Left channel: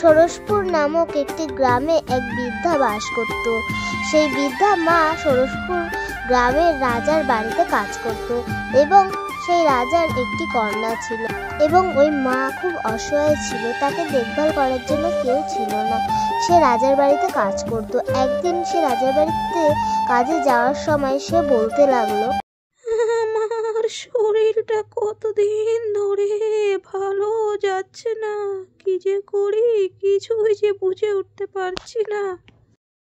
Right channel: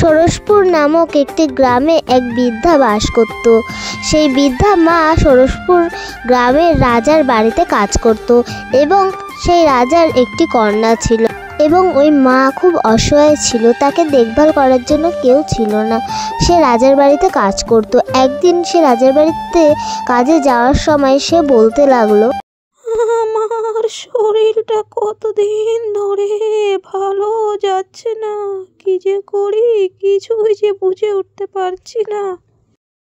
ষোড়শপুর নামক একটি গ্রামে এক বৃদ্ধা বাস করত। সেই বৃদ্ধা মা ষোড়শপুর গ্রামের রাজার বাড়িতে কাজ করত এবং সেই রাজার একটি কন্যা ছিল এবং ওই মা খুব অসহায় ছিল, তাকে দেখভাল করার জন্য কেউ ছিল না। সে রাজার বাড়িতে কাজ করত। একদিন সে রাজার বাড়িতে কাজে যাওয়ার সময় সে বলতে লাগলো, আমার শরীরটা কতদিন ধরে ভালো যাচ্ছে না, কি যে করি কিছুই যে বুঝে উঠতে পারছি না।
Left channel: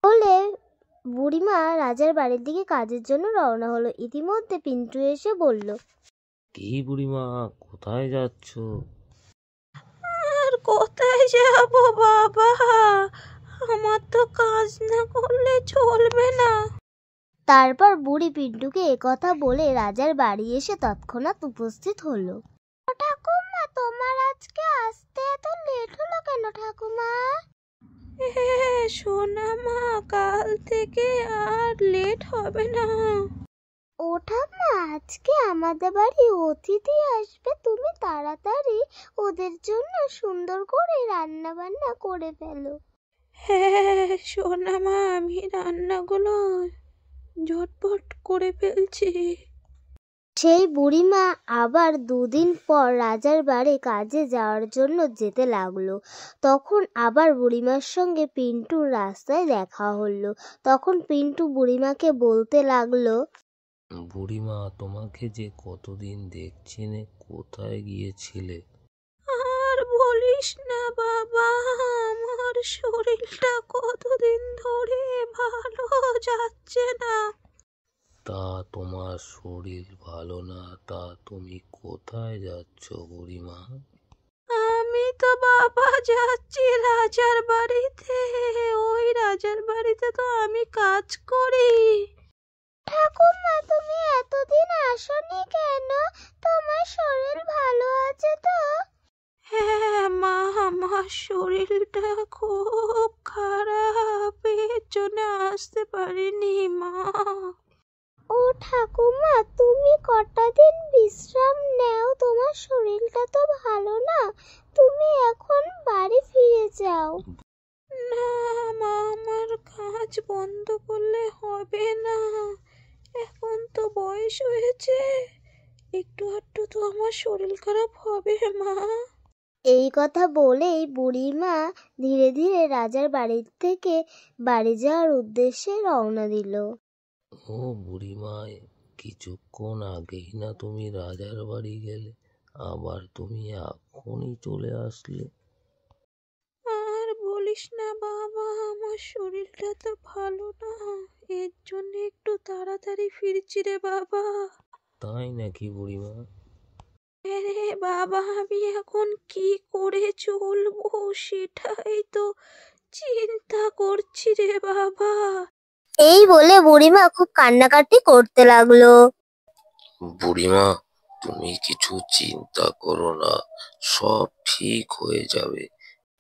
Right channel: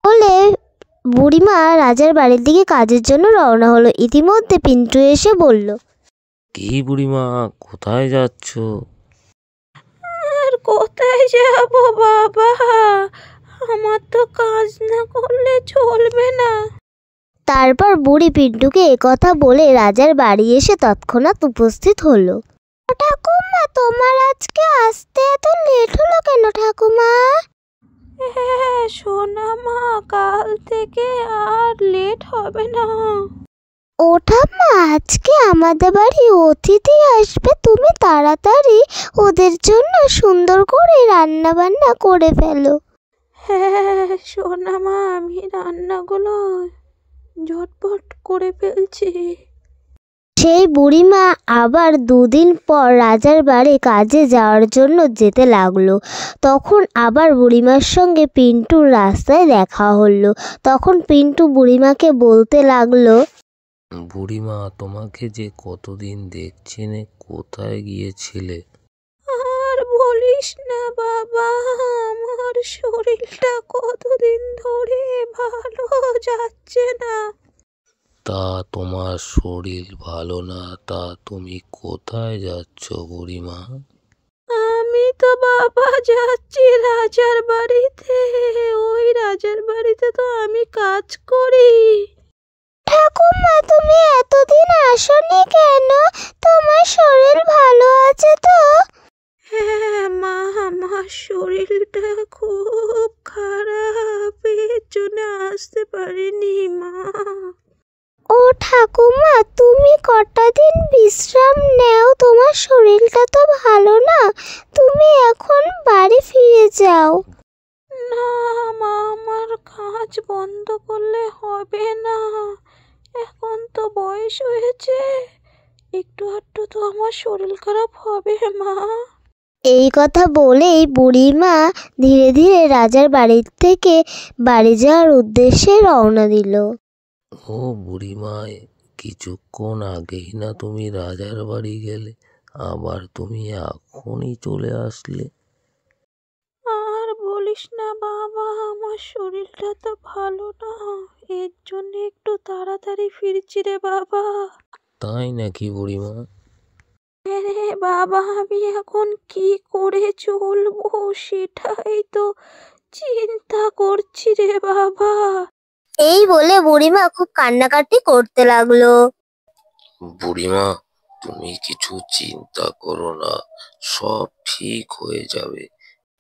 বলে বুড়িমা রাজার বাড়ির দিকে কাজের জন্য রওনা হলো। ইতিমধ্যে পিন্টু এসে বলল, কি বুড়িমা, কোথায় যাচ্ছ? আর কোথায় যাব বাবা, আমার তো কাজ না করলে চলবে না। তারপর বুড়ি পিন্টুকে একথা বলে রাজার বাড়ি এসে তৎক্ষণাৎ উপস্থিত হলো। ঠাকুমা, তোমার আজকে আসতে এত লেট হলো কেন ঠাকুমা? হ্যাঁ সোনা মা, কাল থেকে আর লেট হবে না। ও ঠাম্মা, আজকে আমাদের বাড়ি অতিথি আসবে, তুমি তাড়াতাড়ি ওদের জন্য সুন্দর করে রান্না বান্না করে ফেলো। হ্যাঁ সোনা মা, আমি রান্নাগুলো ঝটপট করে ফেলছি। সেই বুড়িমা আবার দুদিন পর রাজার বাড়ি কাজে যাওয়ার জন্য যেতে লাগলো। তখন আবার বুড়িমার সঙ্গে পিন্টুর রাস্তায় দেখা হলো। তখন পিন্টু বুড়িমাকে বলতে লাগলো, বুড়িমা, তোমাকে যে কতদিন দেখছি না, কোথায় গিয়েছিলে? আর বলিস না বাবা, আমার শরীরটা কতদিন ধরে ভালো যাচ্ছে না। তা তোমার শরীর ভালো না, তা তুমি কোথায় যাচ্ছ বুড়িমা? আমি তো বাবা যাচ্ছি রাজার বাড়িতে, ওই রাজার বাড়িতে তো আমি কাজ করি। ঠাকুমা, তুমি এতদিন আসোনি কেন? তোমার শরীর ভালো আছে তো? হ্যাঁ মা, আমার শরীরটা খুব খারাপ, এর জন্য আসতে পারিনি মা। ও ঠাকুমা, তুমি কটা দিন বিশ্রাম নেও, তোমার শরীরটা তো ভালো না, তুমি এখন বাড়ি ফিরে যাও। না মা, আমার কাজ বন্ধ করলে হবে না, এখন তো বয়স হয়েছে, একটু আধটু তো আমার শরীর খারাপ হবে মা। এই কথা বলেই বুড়িমা ধীরে ধীরে রাজার বাড়ি থেকে বাড়ি যাওয়ার উদ্দেশ্যে রওনা দিল। ও বুড়িমা, কিছুক্ষণ আগেই না তুমি রাজার বাড়ি গেলে, আবার তুমি এখনই চলে আসলে? আর বলিস না বাবা, আমার শরীরটা তো ভালো না, এর জন্য একটু তাড়াতাড়ি ফিরছি রে বাবা। তাই নাকি বুড়িমা? রে বাবা, আমি এখন কি করে চলবো সেটাই তো চিন্তা করছি রে বাবা। এই বলে বুড়িমা খুব কান্নাকাটি করতে লাগলো। বুড়িমা, তুমি কিছু চিন্তা করো না, সব ঠিক হয়ে যাবে।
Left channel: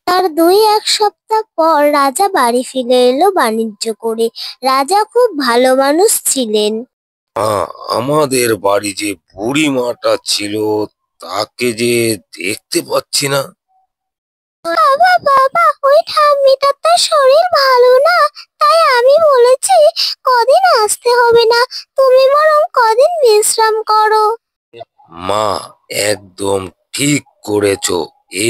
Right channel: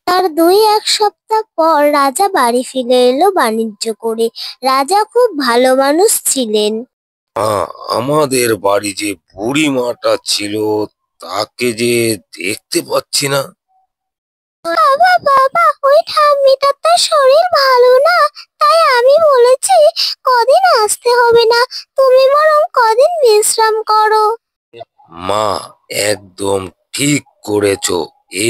তার 2-1 সপ্তাহ পর রাজা বাড়ি ফিরে এলো বাণিজ্য করে। রাজা খুব ভালো মানুষ ছিলেন। আমাদের বাড়ি যে বুড়িমাটা ছিল, তাকে যে দেখতে পাচ্ছি না। বাবা বাবা, ওই ঠাম্মিটার তো শরীর ভালো না, তাই আমি বলেছি কদিন আসতে হবে না, তুমি বরং কদিন বিশ্রাম করো। মা, একদম ঠিক করেছো,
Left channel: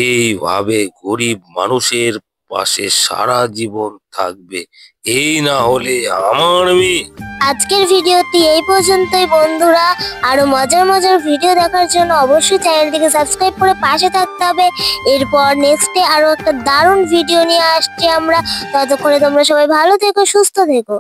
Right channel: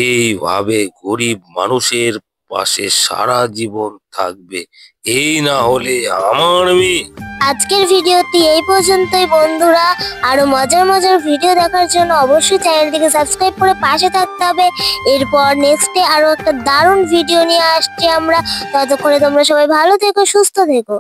এইভাবে গরিব মানুষের পাশে সারা জীবন থাকবে, এই না হলে আমার মেয়ে। আজকের ভিডিওটি এই পর্যন্তই বন্ধুরা। আরো মজার মজার ভিডিও দেখার জন্য অবশ্যই চ্যানেলটিকে সাবস্ক্রাইব করে পাশে থাকতে হবে। এরপর নেক্সটে আরো একটা দারুণ ভিডিও নিয়ে আসছি আমরা। ততক্ষণে তোমরা সবাই ভালো থেকো, সুস্থ থেকো।